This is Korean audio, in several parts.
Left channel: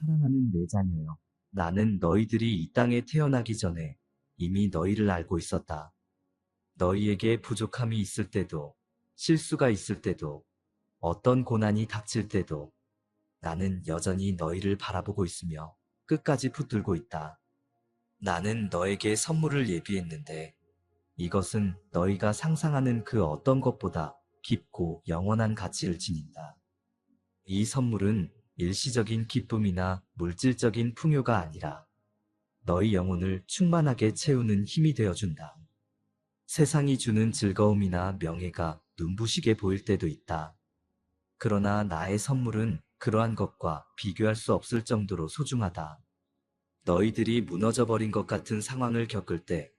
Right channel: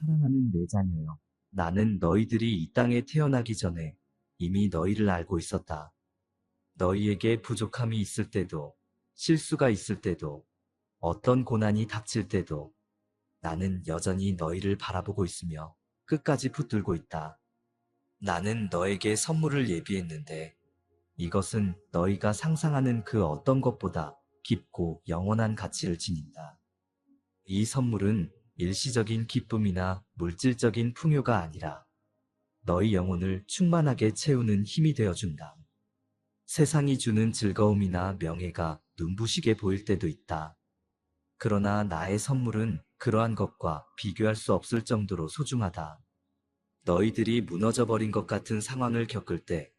사랑하는 내 자녀여. 나는 너희들이 이 땅에 태어나기 전에 이미 너희를 알고 있었다. 너희에게 부족함이 있을 때도, 실수가 있을 때도, 어떤 고난이 닥칠 때도 나는 여전히 너희를 바라보고 있으며 끝까지 붙들고 있다. 나는 너에게 선물을 예비했는데 이것은 너희가 상상하는 그 어떤 것보다 깊고 영원한 가치를 지닌다. 이 선물은 일시적인 기쁨이나 물질적인 풍요가 아니라 너희 영혼을 충만하게 채우는 힘이 되어준다. 세상이 주는 즐거움이나 명예가 눈부시게 보일 때도 있다. 그러나 나의 선물은 그러한 것과 비교할 수 없을 정도로 소중하다. 너희들이 무너져버린 것 같은 상황을 겪을 때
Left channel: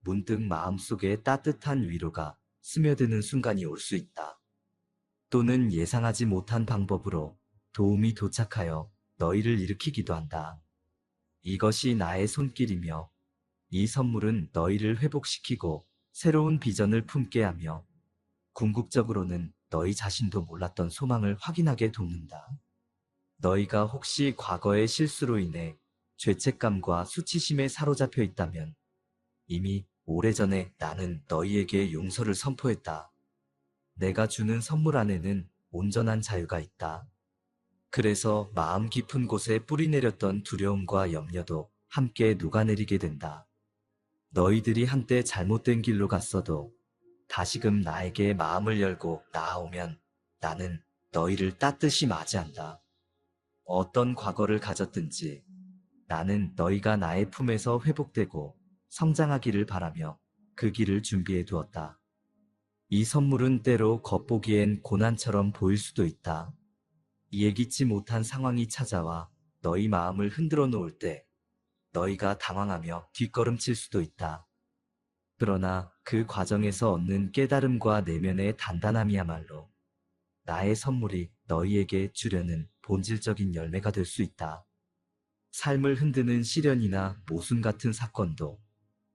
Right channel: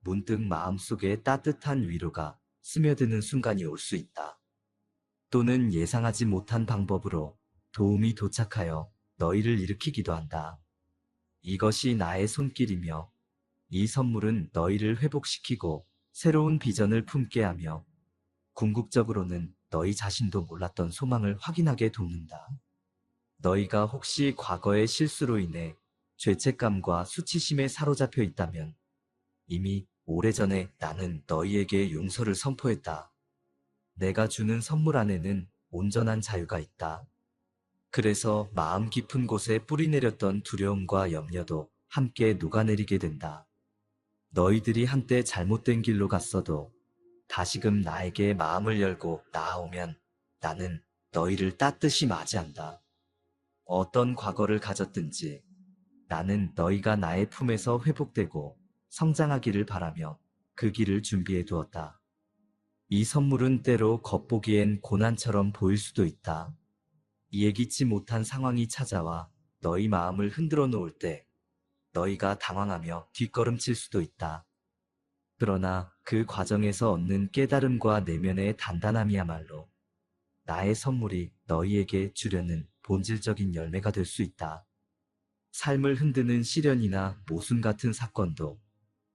문득 마음속에 따뜻한 위로가 스며드는 순간이 올 수 있다. 또는 예상하지 못한 방법으로 도움이 도착하여 너희를 일으키기도 한다. 이것이 나의 손길이며 이 선물은 너희를 회복시키고 새로운 비전을 품게 하며 궁극적으로는 너희 자신도 몰랐던 소망을 확인하게 돕는다. 너희가 혹시 과거의 실수로 인해 죄책감과 수치심에 사로잡혀 있다면 이미 오래전에 나는 너희에게 용서를 선포했다. 내가 주는 선물 안에는 온전한 자유가 있다. 그래서 마음 깊은 곳에 뿌리내렸던 두려움과 염려도 함께 녹아내리게 된다. 너희들이 한때 잘못된 길로 갔어도 다시금 나에게 마음을 열고 나아오면 나는 너희를 따뜻이 맞이한다. 어떤 과거를 가졌든지 나는 너희가 나의 품에서 회복되고 성장하기를 바라며 그 길을 준비해 두었다. 이 선물은 때로 겉보기엔 고난처럼 보일 수도 있다. 예기치 못한 상황이 찾아와 너희 마음을 흔들어 놓을 때 너희가 당황하며 뒷걸음칠 수도 있다. 그러나 그 과정에서 얻는 깨달음과 내면의 단단함이야말로 나의 선물이 너희에게 주려는 본질적인 열매가 될 수 있다. 삶을 흔드는 시련이나 모순 같은 사건도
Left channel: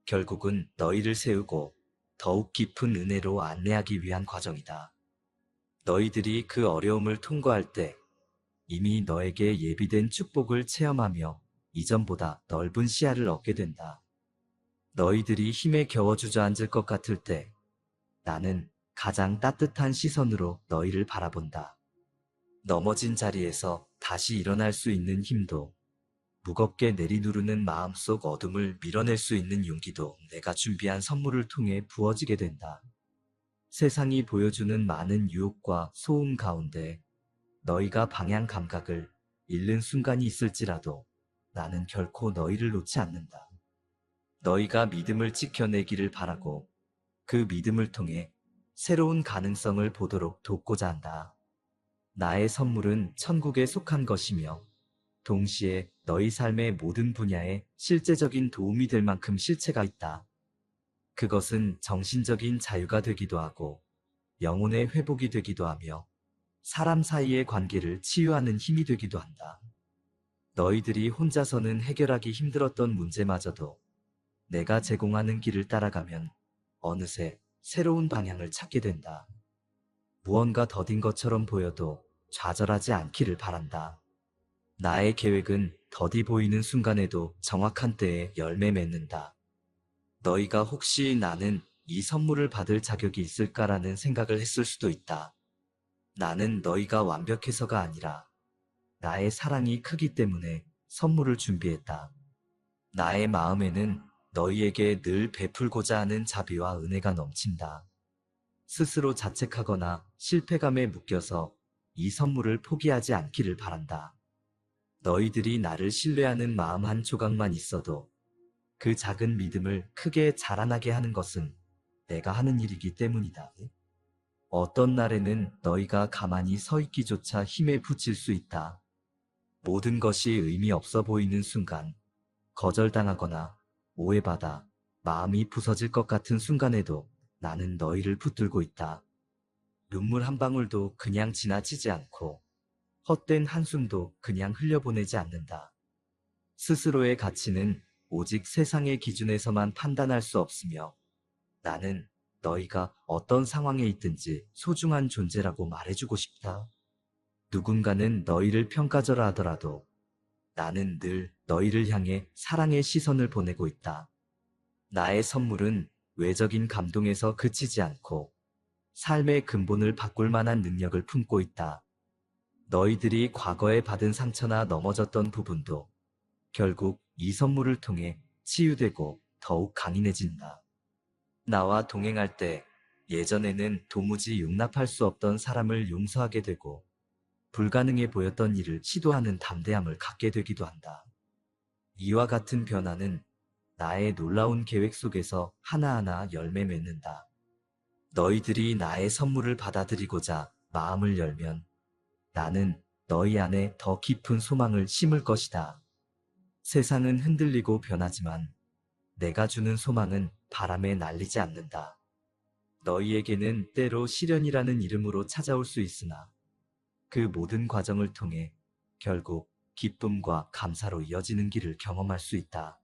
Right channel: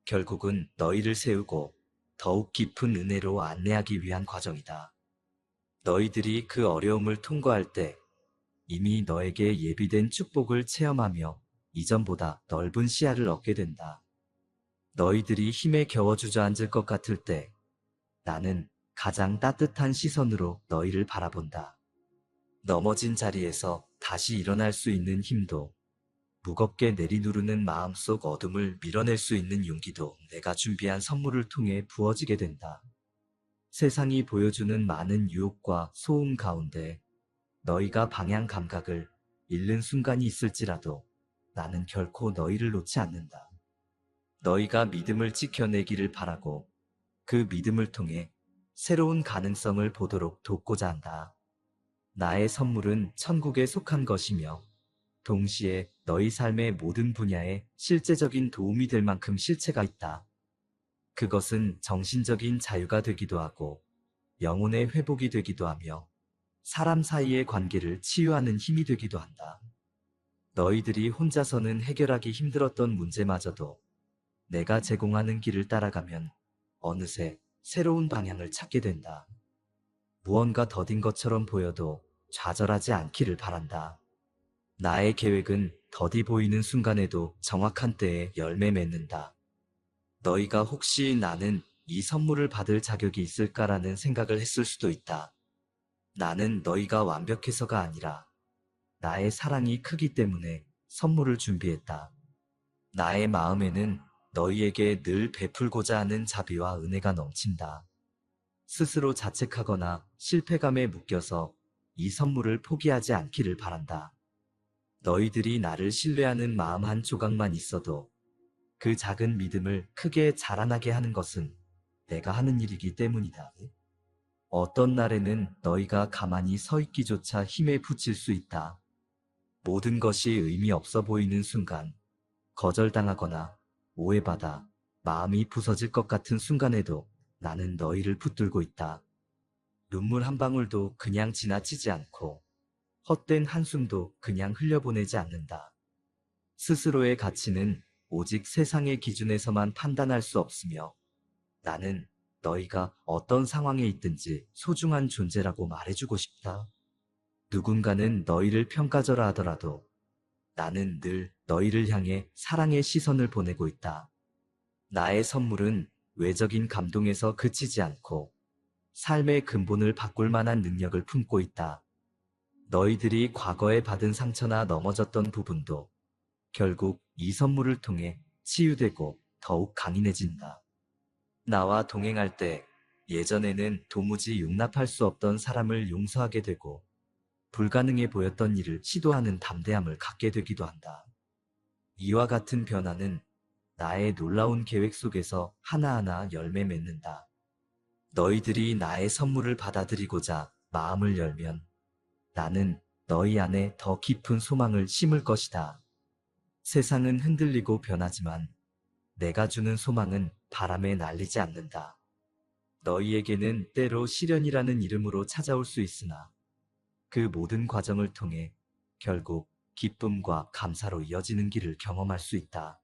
결국은 너희를 세우고 더욱 깊은 은혜로 안내하기 위한 과정이다. 너희들이 그 어려움을 통과할 때 이미 너에게 예비된 축복을 체험하며 이전보다 넓은 시야를 얻게 된다. 너희들이 힘에 겨워 주저앉을 것 같을 때 나는 가장 따뜻한 시선으로 너희를 바라본다. 넘어진 자리에서 다시 일어날 수 있는 힘도 무겁게 내리누르는 마음속 어둠을 밀어낼 수 있는 용기도 내가 준비한 선물을 통해 부어지게 된다. 세상이 보여주는 많은 유혹과 소음 가운데 너희가 방향 감각을 잃는 순간이 있을지라도 나는 결코 너희를 놓지 않는다. 너희가 믿음을 지켜내기를 바라고 그 믿음을 통해 새로운 가능성을 보도록 돕고자 한다. 나의 선물은 천국에 속한 것이며 동시에 너희 삶의 모든 분야에 실제적인 도움이 될 만큼 실체가 있다. 그것은 정신적인 자유가 되기도 하고 영혼의 회복이 되기도 하며 사람 사이의 관계를 치유하는 힘이 되기도 한다. 너희들이 혼자서는 해결하기 힘들었던 문제마저도 내가 제공하는 길을 따라가면 어느새 새로운 방향을 찾게 된다. 무언가 더딘 것처럼 보여도 좌절하지 않기를 바란다. 나의 계획은 더디 보이는 순간에도 정확한 때에 열매 맺는다. 너희가 혹시 나는 이 선물을 받을 자격이 있을까라는 생각을 했을 수도 있다. 나는 너희가 완벽해서가 아니라 나의 사랑이 크기 때문에 선물을 준비했다. 나의 마음에는 너희에게 늘 베풀고자 하는 자비와 은혜가 넘친다. 스스로 자책하거나 실패감에 묶여서 이 선물을 포기하지 않기를 바란다. 너희들이 나를 신뢰하는 마음 한 조각만 있어도 그 작은 믿음을 크게 자라나게 하는 것은 내가 하는 일이기 때문이다. 어떤 날에는 너희가 가만히 서 있기조차 힘에 부칠 수 있다. 모든 것이 의미 없어 보이는 순간, 거절당하거나 오해받아 마음이 부서질 것 같은 순간에도 나는 너희를 붙들고 있다. 눈물 한 방울도 그냥 지나치지 않고 헛된 한숨도 그냥 흘려보내지 않는다. 스스로의 가치는 오직 세상의 기준에서만 판단할 수 없으며 나는 너희가 어떤 상황에 있든지 소중한 존재라고 말해주고 싶다. 누군가는 너희를 평가절하 하더라도 나는 늘 너희를 향해 사랑의 시선을 보내고 있다. 나의 선물은 외적인 감동에서 그치지 않고 삶의 근본을 바꿀 만한 능력을 품고 있다. 너희들이 과거에 받은 상처나 넘어졌던 부분도 결국 이 선물을 통해 치유되고 더욱 강인해진다. 나와 동행할 때 예전에는 도무지 용납할 수 없던 사람을 용서하게 되고 불가능해 보였던 일을 시도하는 담대함을 갖게 되기도 한다. 이와 같은 변화는 나의 놀라운 계획 속에서 하나하나 열매 맺는다. 너희들이 나의 선물을 받아들이고자 마음을 열면 나는 너희 안에 더 깊은 소망을 심을 것이다. 세상은 흔들리고 변하지만 내가 주는 소망은 바람에 날리지 않는다. 너희에게는 때로 시련이라는 이름으로 찾아올 수 있으나 그 모든 과정을 통해 결국 기쁨과 감사로 이어지는 길을 경험할 수 있다.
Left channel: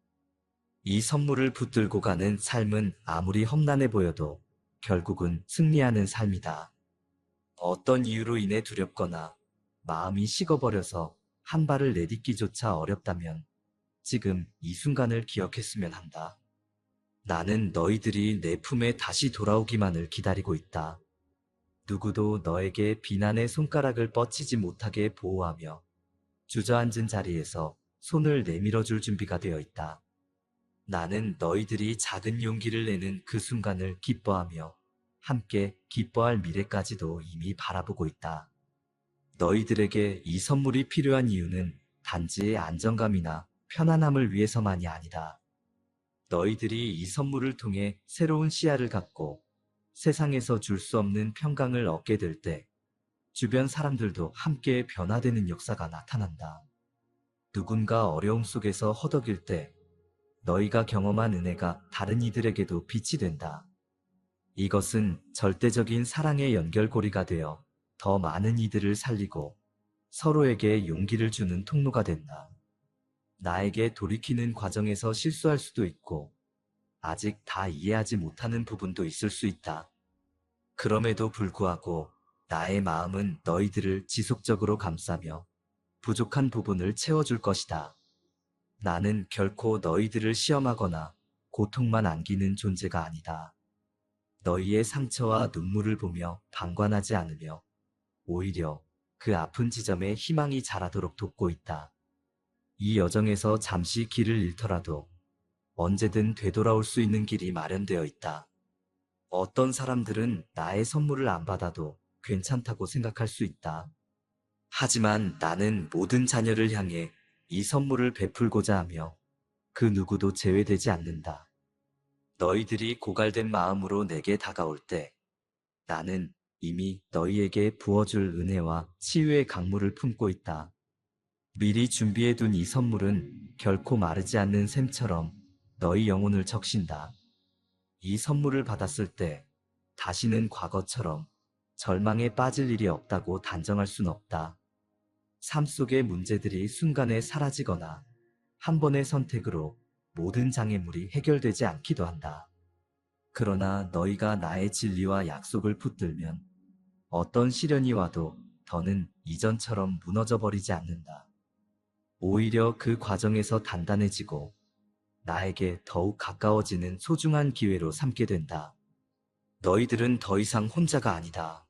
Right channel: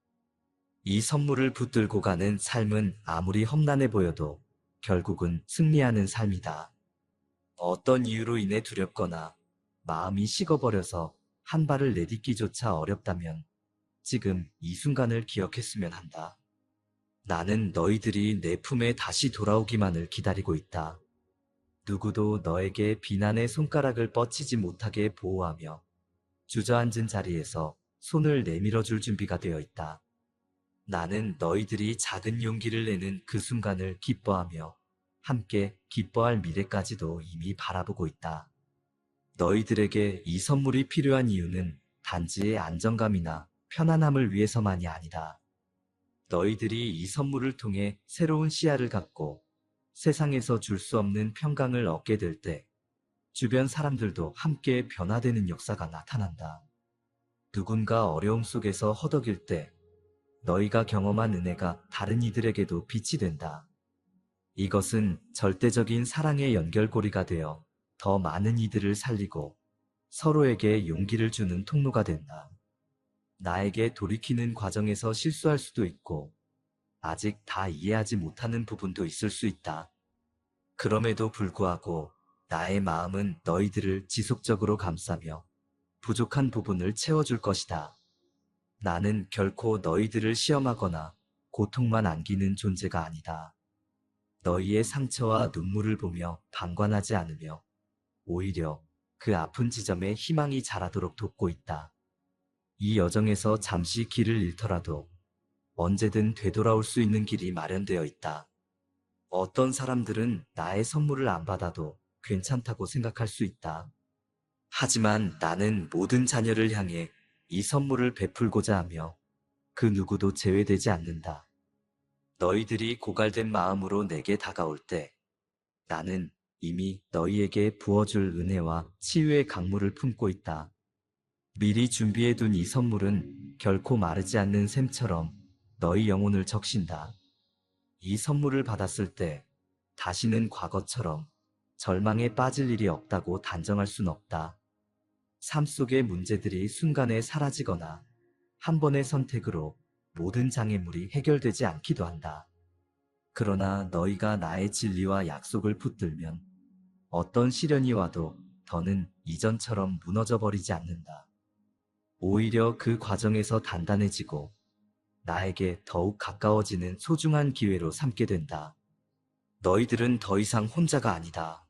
이 선물을 붙들고 가는 삶은 아무리 험난해 보여도 결국은 승리하는 삶이다. 어떤 이유로 인해 두렵거나 마음이 식어버려서 한 발을 내딛기조차 어렵다면 지금 이 순간을 기억했으면 한다. 나는 너희들이 내 품에 다시 돌아오기만을 기다리고 있다. 누구도 너에게 비난의 손가락을 뻗치지 못하게 보호하며 주저앉은 자리에서 손을 내밀어 줄 준비가 되어 있다. 나는 너희들이 작은 용기를 내는 그 순간을 기뻐하며 함께 기뻐할 미래까지도 이미 바라보고 있다. 너희들에게 이 선물이 필요한 이유는 단지 안정감이나 편안함을 위해서만이 아니다. 너희들이 이 선물을 통해 새로운 시야를 갖고 세상에서 줄 수 없는 평강을 얻게 될 때 주변 사람들도 함께 변화되는 역사가 나타난다. 누군가 어려움 속에서 허덕일 때 너희가 경험한 은혜가 다른 이들에게도 빛이 된다. 이것은 절대적인 사랑의 연결고리가 되어 더 많은 이들을 살리고 서로에게 용기를 주는 통로가 된다. 나에게 돌이키는 과정에서 실수할 수도 있고 아직 다 이해하지 못하는 부분도 있을 수 있다. 그럼에도 불구하고 나의 마음은 너희들을 지속적으로 감싸며 부족한 부분을 채워줄 것이다. 나는 결코 너희들을 시험하거나 고통만 안기는 존재가 아니다. 너희의 상처와 눈물을 보며 방관하지 않으며 오히려 그 아픈 지점에 희망이 자라도록 돕고 있다. 이 여정에서 잠시 길을 잃더라도 언제든 되돌아올 수 있는 길이 마련되어 있다. 어떤 사람들은 나의 선물을 안 받아도 괜찮다고 생각할 수 있다. 하지만 나는 모든 자녀를 향해 이 선물을 베풀고자 하며 그 누구도 제외되지 않는다. 너희들이 고갈된 마음으로 내게 다가올 때 나는 이미 너희에게 부어줄 은혜와 치유의 강물을 품고 있다. 미리 준비해둔 이 선물은 결코 마르지 않는 샘처럼 너희 영혼을 적신다. 이 선물을 받았을 때 다시는 과거처럼 절망에 빠질 일이 없다고 단정할 순 없다. 삶 속의 문제들이 순간에 사라지거나 한 번의 선택으로 모든 장애물이 해결되지 않기도 한다. 그러나 너희가 나의 진리와 약속을 붙들면 어떤 시련이 와도 더는 이전처럼 무너져 버리지 않는다. 오히려 그 과정에서 단단해지고 나에게 더욱 가까워지는 소중한 기회로 삼게 된다. 너희들은 더 이상 혼자가 아니다.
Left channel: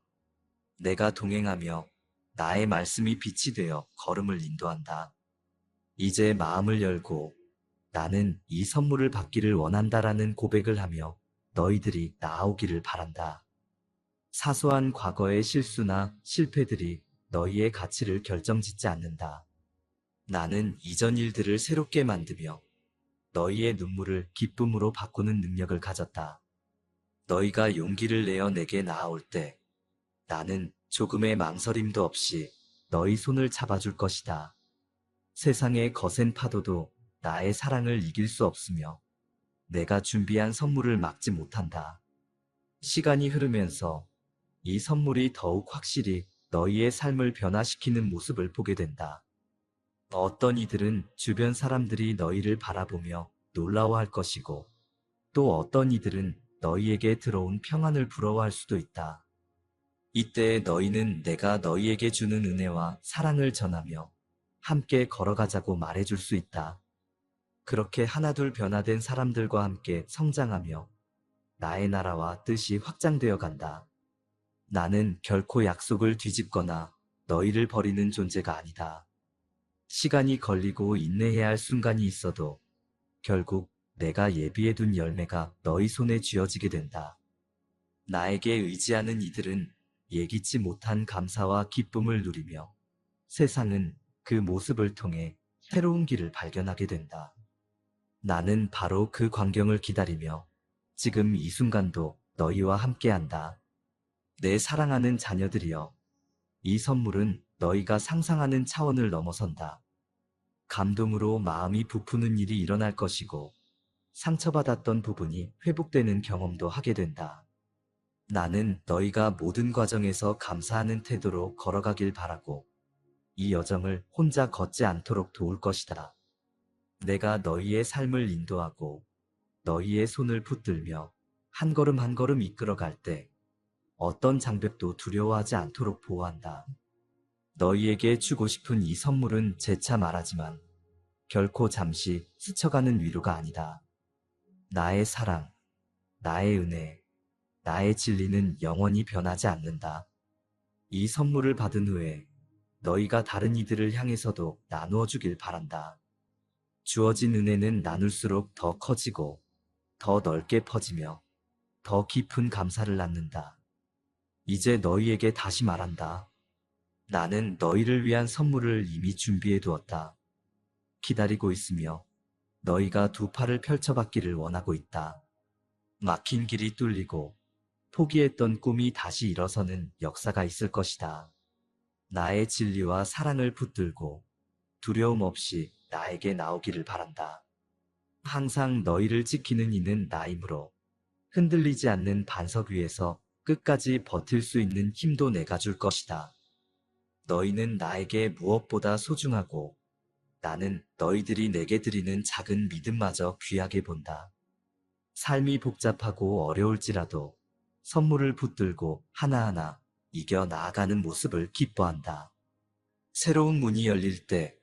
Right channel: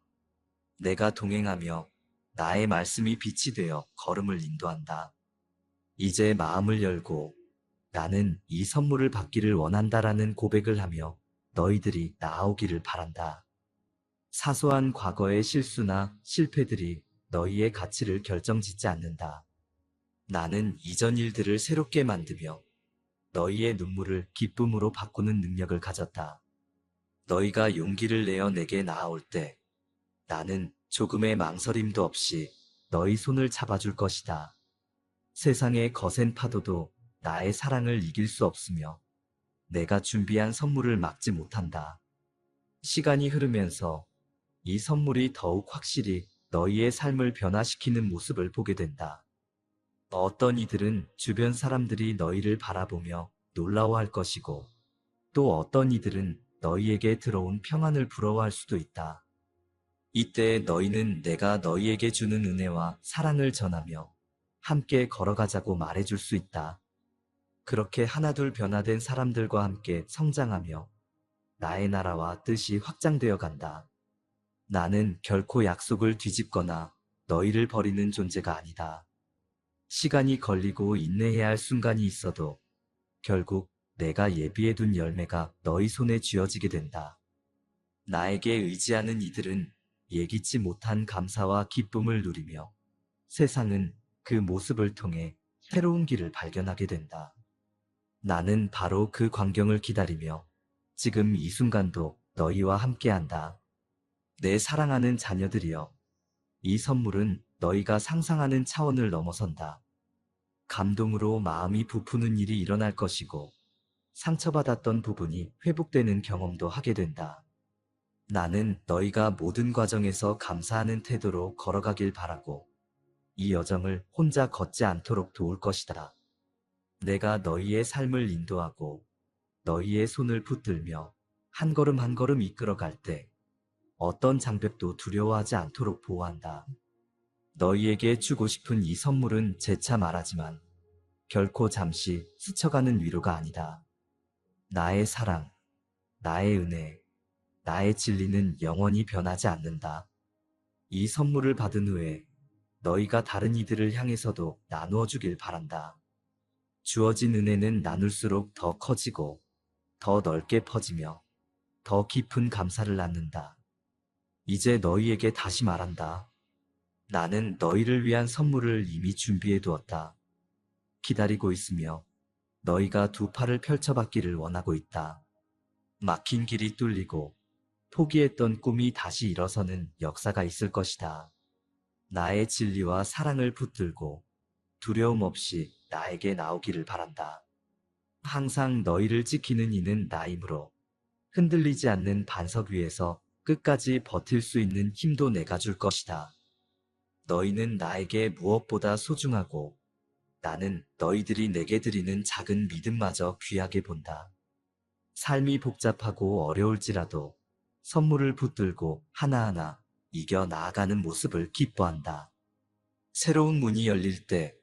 내가 동행하며 나의 말씀이 빛이 되어 걸음을 인도한다. 이제 마음을 열고 나는 이 선물을 받기를 원한다라는 고백을 하며 너희들이 나아오기를 바란다. 사소한 과거의 실수나 실패들이 너희의 가치를 결정짓지 않는다. 나는 이전 일들을 새롭게 만들며 너희의 눈물을 기쁨으로 바꾸는 능력을 가졌다. 너희가 용기를 내어 내게 나아올 때 나는 조금의 망설임도 없이 너희 손을 잡아줄 것이다. 세상의 거센 파도도 나의 사랑을 이길 수 없으며 내가 준비한 선물을 막지 못한다. 시간이 흐르면서 이 선물이 더욱 확실히 너희의 삶을 변화시키는 모습을 보게 된다. 어떤 이들은 주변 사람들이 너희를 바라보며 놀라워할 것이고 또 어떤 이들은 너희에게 들어온 평안을 부러워할 수도 있다. 이때 너희는 내가 너희에게 주는 은혜와 사랑을 전하며 함께 걸어가자고 말해줄 수 있다. 그렇게 하나둘 변화된 사람들과 함께 성장하며 나의 나라와 뜻이 확장되어 간다. 나는 결코 약속을 뒤집거나 너희를 버리는 존재가 아니다. 시간이 걸리고 인내해야 할 순간이 있어도 결국 내가 예비해둔 열매가 너희 손에 쥐어지게 된다. 나에게 의지하는 이들은 예기치 못한 감사와 기쁨을 누리며 세상은 그 모습을 통해 새로운 길을 발견하게 된다. 나는 바로 그 광경을 기다리며 지금 이 순간도 너희와 함께한다. 내 사랑하는 자녀들이여, 이 선물은 너희가 상상하는 차원을 넘어선다. 감동으로 마음이 부푸는 일이 일어날 것이고 상처받았던 부분이 회복되는 경험도 하게 된다. 나는 너희가 모든 과정에서 감사하는 태도로 걸어가길 바라고 이 여정을 혼자 걷지 않도록 도울 것이다. 내가 너희의 삶을 인도하고 너희의 손을 붙들며 한 걸음 한 걸음 이끌어갈 때 어떤 장벽도 두려워하지 않도록 보호한다. 너희에게 주고 싶은 이 선물은 재차 말하지만 결코 잠시 스쳐가는 위로가 아니다. 나의 사랑, 나의 은혜, 나의 진리는 영원히 변하지 않는다. 이 선물을 받은 후에 너희가 다른 이들을 향해서도 나누어 주길 바란다. 주어진 은혜는 나눌수록 더 커지고 더 넓게 퍼지며 더 깊은 감사를 낳는다. 이제 너희에게 다시 말한다. 나는 너희를 위한 선물을 이미 준비해 두었다. 기다리고 있으며 너희가 두 팔을 펼쳐받기를 원하고 있다. 막힌 길이 뚫리고 포기했던 꿈이 다시 일어서는 역사가 있을 것이다. 나의 진리와 사랑을 붙들고 두려움 없이 나에게 나오기를 바란다. 항상 너희를 지키는 이는 나이므로 흔들리지 않는 반석 위에서 끝까지 버틸 수 있는 힘도 내가 줄 것이다. 너희는 나에게 무엇보다 소중하고 나는 너희들이 내게 드리는 작은 믿음마저 귀하게 본다. 삶이 복잡하고 어려울지라도 선물을 붙들고 하나하나 이겨 나아가는 모습을 기뻐한다. 새로운 문이 열릴 때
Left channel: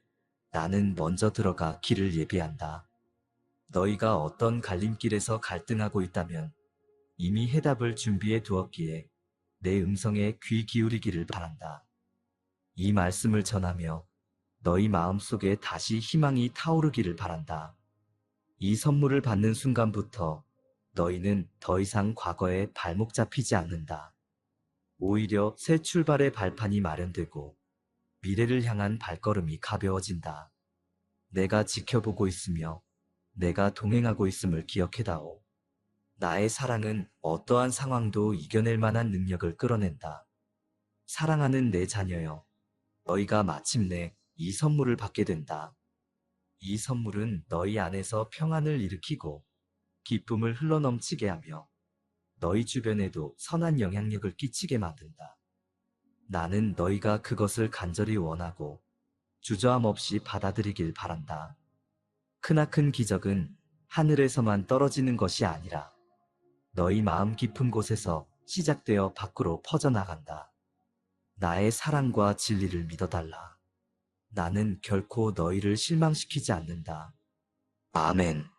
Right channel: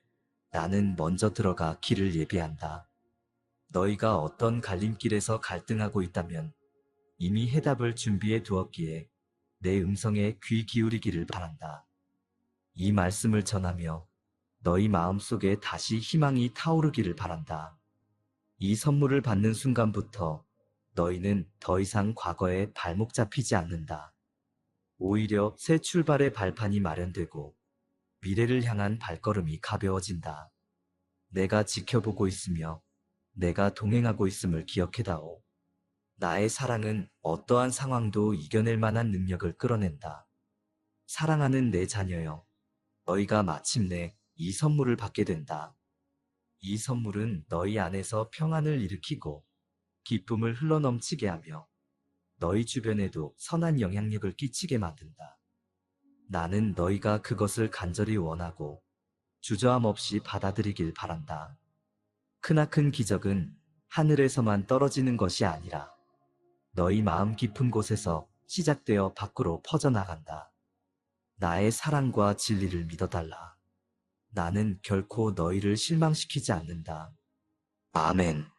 나는 먼저 들어가 길을 예비한다. 너희가 어떤 갈림길에서 갈등하고 있다면 이미 해답을 준비해 두었기에 내 음성에 귀 기울이기를 바란다. 이 말씀을 전하며 너희 마음속에 다시 희망이 타오르기를 바란다. 이 선물을 받는 순간부터 너희는 더 이상 과거에 발목 잡히지 않는다. 오히려 새 출발의 발판이 마련되고 미래를 향한 발걸음이 가벼워진다. 내가 지켜보고 있으며 내가 동행하고 있음을 기억해다오. 나의 사랑은 어떠한 상황도 이겨낼 만한 능력을 끌어낸다. 사랑하는 내 자녀여, 너희가 마침내 이 선물을 받게 된다. 이 선물은 너희 안에서 평안을 일으키고 기쁨을 흘러넘치게 하며 너희 주변에도 선한 영향력을 끼치게 만든다. 나는 너희가 그것을 간절히 원하고 주저함 없이 받아들이길 바란다. 크나큰 기적은 하늘에서만 떨어지는 것이 아니라 너희 마음 깊은 곳에서 시작되어 밖으로 퍼져나간다. 나의 사랑과 진리를 믿어달라. 나는 결코 너희를 실망시키지 않는다. 아멘.